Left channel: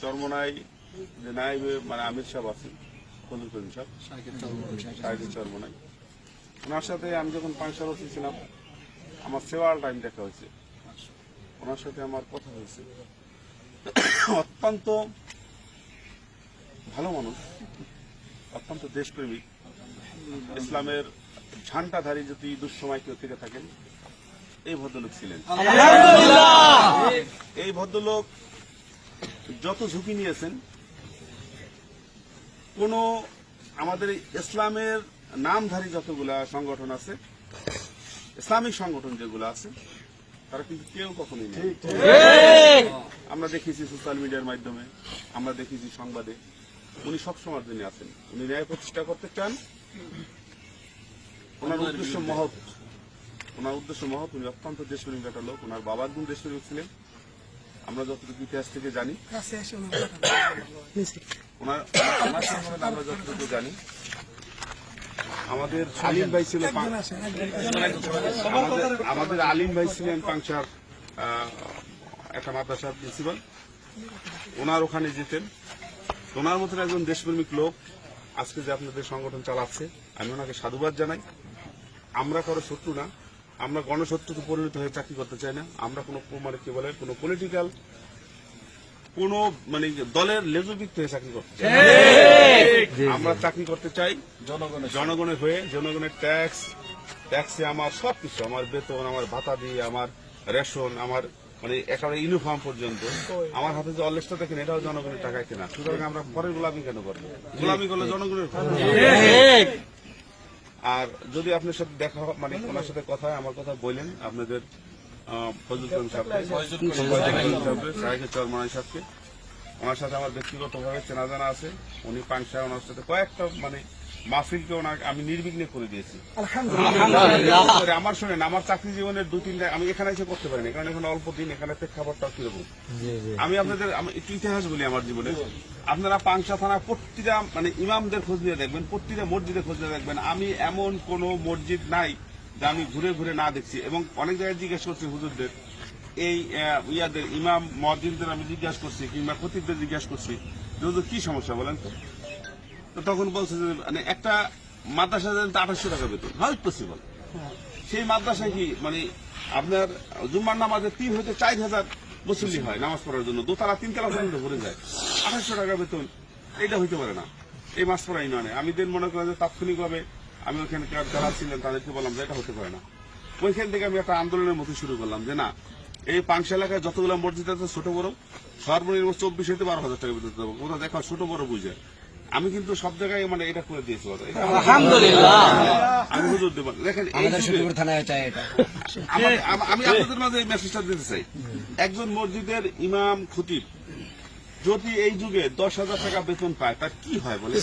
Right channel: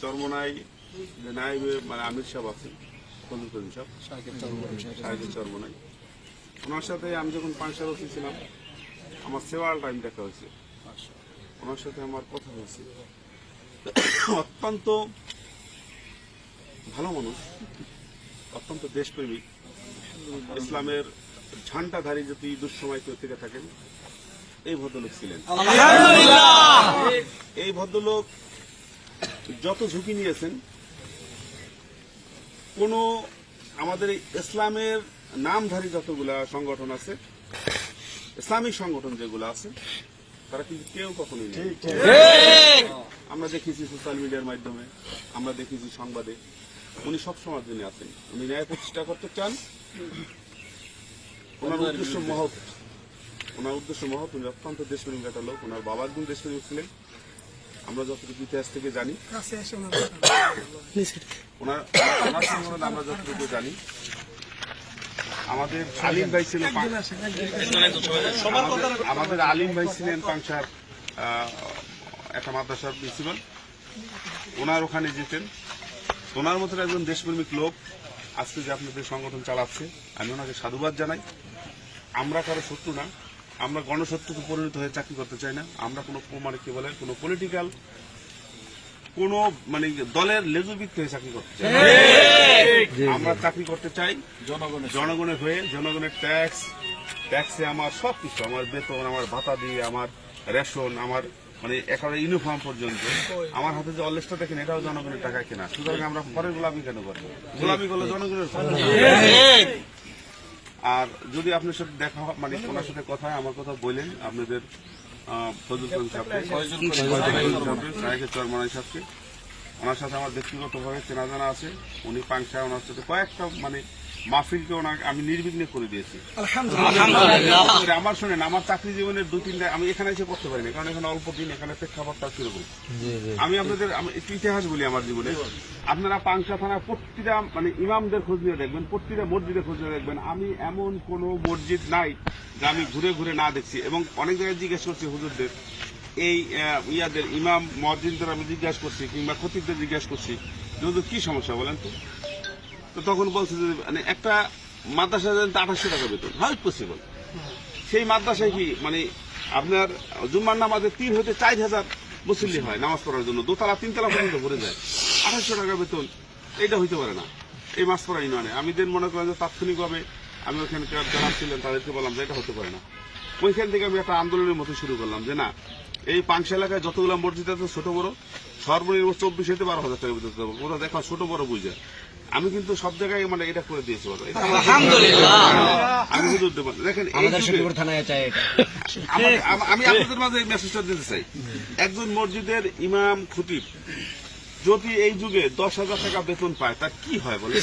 চরমনাই যে নাইবে মানে আমির সাহেব আছেন ফজল করিম সাহেব। চরমনাই। ওনার সাথে আমি যখন পাঁচশাল ছিলাম আমার সেওয়াল টাইম দেখা হয়েছে। ওনার সাথে আমার কথা হয়েছে। অত্যন্ত ভালো মানুষ অত্যন্ত দেশপ্রেমিক ইসলামের ঝান্ডাধারী যদি দুঃসময় কেউ থেকে থাকেন এই ভদ্রলোক ছিলেন। এই ভদ্রলোক যত ঝুঁকি নিয়েছেন কোন আমাদের ইসলামের নামধারী যতগুলা সংগঠন আছে ইসলামিক সংগঠন যেগুলো আছে তারা কিন্তু কেউ কখনোই নেই। আমরা দেখেছি সোশ্যাল মিডিয়ার মাধ্যমে আমরা দেখেছি সংবাদে। উনি সবসময় জন্য আছেন। উনি ন্যায় প্রতিষ্ঠা করতে চান। ওনার উদ্দেশ্য মহৎ। ওনার উদ্দেশ্য মহৎ। উনি অত্যন্ত দেশপ্রেমিক একটা লোক। ওনার বাবা একদম দেশপ্রেমিক ছিলেন। আমরা যতটুকু ইতিহাস থেকে জানি ওনার সম্বন্ধে আমরা যতটুকু জানি আমাদের আলিম ভাই ছিলেন আমাদের- আলিম ভাই ছিলেন পাংশার একটা মাদ্রাসার প্রিন্সিপাল। ওনার ওখানে জিতেন। ওনার মতন একজন দেশপ্রেমিক লোক আজকে যে আপনাদের সংগঠন চালাচ্ছে আমি ওনাকে সাধুবাদ জানাই। আমরা কারও শত্রু না। আমরা গণশত্রুতে পরিণত হয়ে চাকরি করতে চাই না। আমরা কোনো মানে কি বলে কোনো পলিটিক্যাল কোন মানে দলের লেজুবিক হয়ে চাকরি করতে চাই আমরা চাকরি করতে চাই জনগণের জনগণের হয়ে জনগণের ট্যাক্স ট্যাক্সে আমার সব কিছু আমার বেতন আমার ভাতা দিয়ে আমার রেশন আমার মানে একেবারে ইউনিফর্ম পর্যন্ত। আমার হাতে যে অলরেস্টটা দেখেন এটাও জনগণের টাকা কেনা। সুতরাং আমরা পরে গোলামি কেন করব? গোলামি করলে জনগণের। আর যদি আপনার সাথে দেখা মানে ওনার সাথে কথা আমার কথা বলেন, আপনাদের আমার ওনার সাথে আমার ব্যক্তিগতভাবে চেনা জানা আছে। উনি পাংশা ওনার সাথে কয়েকটা মানে মাহফিলকে ওনাকে আমি নির্বিঘ্নে করে দিয়েছি। আমার শোনেন আমার চাকরি জীবনের দু তিনটা আমি এখানে এসে করতে পারিনি কারণ এখানে অল্প দিন এখানে প্রেক্ষাপটটা কীরকম? আমি আপনাদের একটু ইতিহাস বলি আমার জীবনে। আপনারা পাংশা থানা প্রতিটা মানে ইমামদের খোঁজ নিয়ে দেখবেন প্রতিটা মসজিদে খোঁজ নিয়ে দেখবেন। আমি এমন কোন মসজিদ নাই যা আমি ঘুরে ঘুরে না দেখছি। এবং অনেক জায়গায় জিজ্ঞেস করছি হুজুরদের এই ইয়াদের ইমাম মসজিদদের আমি জিজ্ঞাসা করছি কিংবা খতিবদের জিজ্ঞাসা করছি কি সমস্যা বলেন তো? তখন বলছে যে মানে একটা মাদ্রাসা দেন তো আঠাশশো টাকা বেতন হাউ পসিবল সেই মাদ্রাসায় কি মানে আপনার জুম্মার নামাজে তিন হতে চার হাজার মুসল্লি হয় নামাজ পড়ার জন্য, দোতলা তিনতলা পর্যন্ত ভরে যায়। আঠাশশো টাকা বেতন, এটা হইতে পারে না। এই মাস পড়া ইউনিয়নে আমি দেন মনে করেন যে তাৎক্ষণিকভাবে আমি ওখানে যারা ছিলেন তাদেরকে বললাম যে এটা হতে পারে না। ওইখান থেকে আমি একটা আন্দোলনের মতো শুরু করলাম যে না, এই পাংশা এলাকায় যতগুলো মসজিদ আছে ছোট বড়, সর্বনিম্ন চব্বিশ হতে বারো হাজার টাকা বেতন দেবো। ওরা দেখা ছোট বড় বুঝে। আমি কিন্তু সব জায়গায় মানে এটা করে দিয়েছি বাবা। আমি হুজুর দেবো দেখেন আম- আপনাদের মাঝে মেসেজটা দিতে চাই একজন মসজিদের ইমাম খতিব যদি এই যুগে দশ হাজার টাকা বেতন পায় তার কি হয় বলে?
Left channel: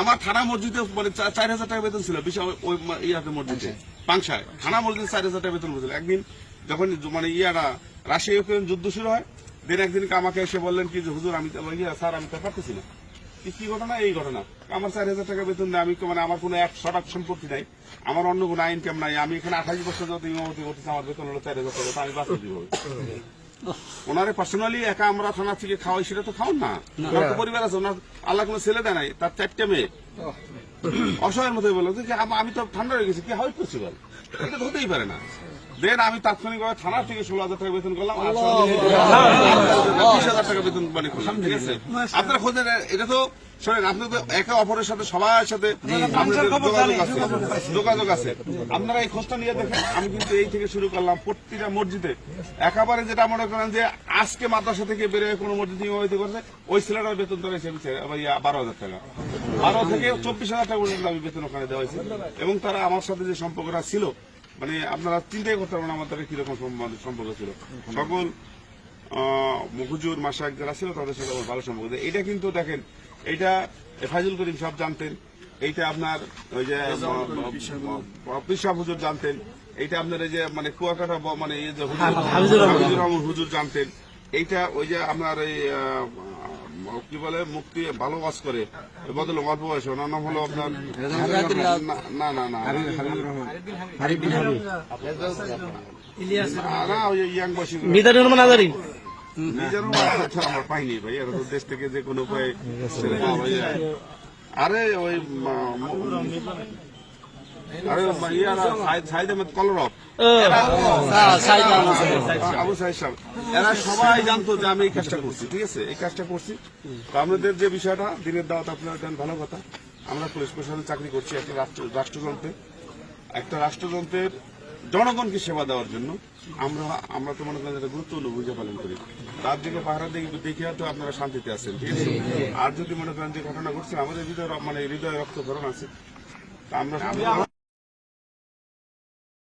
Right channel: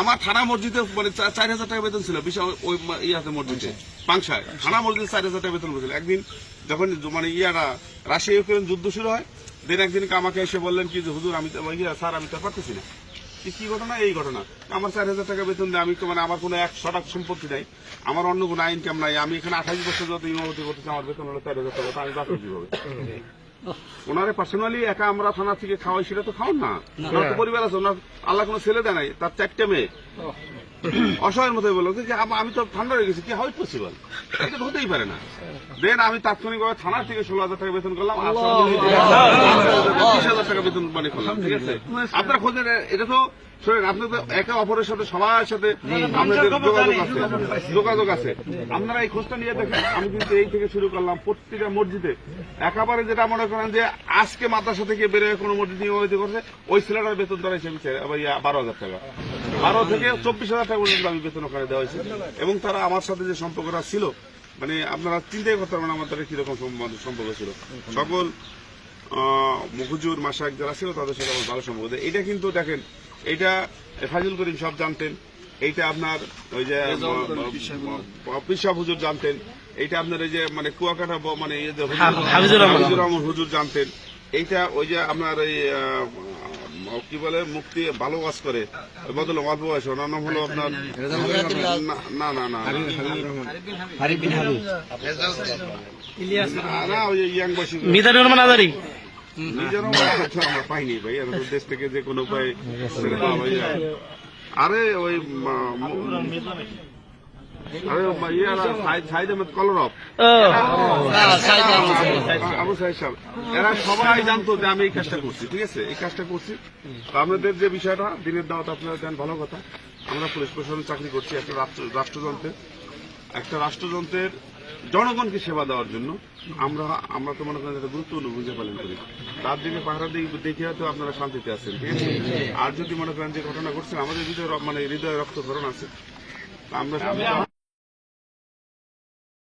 আমার থানা মসজিদে মানে চার হাজার টাকা বেতন ছিল বিশাল ওই ইয়াতে মসজিদে পাংশায়। থানা মসজিদে চার হাজার টাকা বেতন পেয়েছিল একদিন যখন মানে ইয়ারা রাশিয়া ইউক্রেন যুদ্ধ শুরু হয় দিন একদিন আমাকে এসে বললেন কি যে হুজুর আমি স্যার আমি তো পারতেছি না। কি ঘটনা? এই ঘটনা। আমার চার হাজার টাকা বেতন দেয় আমি তো মানে আমার কোনো এক শটাক সম্পত্তি নাই। আমার অন্য কোনো ইনকাম নাই। আমি এখানে আঠাশ বছর যত ইমামতি করতেছি আমার বেতন হলো চার হাজার টাকা। আমি বাস কীভাবে? ওনারে পার্সোনালি একা আমরা থানা থেকে খাওয়াই সেটা তো খাওয়ান না। ওনার তো পরিবার আছে ওনার আল্লাহ কোনো ছেলে দেয় নাই তার চারটে মেয়ে। অসহায়ের মতো বলল যে আমি তো ঠান্ডা হয়ে গেছি কি হয় পসিবল এটা হতেই পারে না। দেন আমি তাৎক্ষণিকভাবে থানা থেকে ষোলো হাজার টাকা বেতন করলাম বিশ হাজার টাকা বেতন মানে করলাম ঠিক আছে? আপনারা খোঁজেন এটা তো শোনেন আপনি তো একে অপরের সাথে সবার সাথে আপনাদের যোগাযোগ আছে যোগাযোগ আছে। আপনারা এই খোঁজটা নিয়ে দেখেন আমি কিন্তু এই থেকে শুরু করলাম প্রত্যেকটা মসজিদে। একেবারে যেটা মনে করেন যে আজকে মাদ্রাসা থেকে বেরোয় কোনো মসজিদ নিয়মিত করছে ওই ছেলেটার বেতন ধরা হিসেবে বারো হাজার টাকা। বারো থেকে চব্বিশ হাজার টাকা পর্যন্ত আমি বেতন ওখানে দেওয়া হয়েছে। এবং তারা আমার সাথে যে সম্পর্কটা ছিল মানে আপনারা চিন্তাই করতে পারবেন আমার তাদের কীরকম সম্পর্ক ছিল। সকল মুখুজুর মাসাক যারা ছিল তাদের সাথে আমার ভালো সম্পর্ক এইটা কিন্তু দেখেন এইটা ফাজুল করিম সব জানতেন এইটা আপনার ওই যে পিসা হুজুর জানতেন এইটা আপনার ওই যে মানে কুয়াকাটা ব- মানে এই যে হুজুর- জানতেন এইটা ওই যে আপনার ওই কি বলে মুক্তি ভালো কাজ করে বদল অল্প বয়সে। ওনার নাম হলো আপনার না না না। ইয়াং মিজানুর রহমান আজারি। মাথা আমরা পাইনি ভাই। দেশ থেকে যে কোনো উপায় আরে ওই এরা সবাই জানতো যে আমি এই কাজটা করছি ঠিক আছে? এই কাজটা করছি। আপনাদের যে বিষয়টা দিনের দাওয়াত আপনারা দেন ভালো কথা। আমরা পুলিশ প্রশাসনে চাকরি করছি একটা রাষ্ট্র- রাষ্ট্রযন্ত্রে একটা রাষ্ট্রযন্ত্রের জনগণকে সেবা দেওয়ার জন্য আমরা আমরা তো মনে করেন একটা গুরুত্বপূর্ণ ভূমিকা পালন করি। তার জন্য পাহারা দিয়ে দেখে তো আপনারা শান্তিতে আছেন ঠিক আছে? আর যদি মনে করেন যে ঘটনা ঘটছে আমাদের হৃদয় মানে হৃদয় রক্তকরণ আছে। আমরা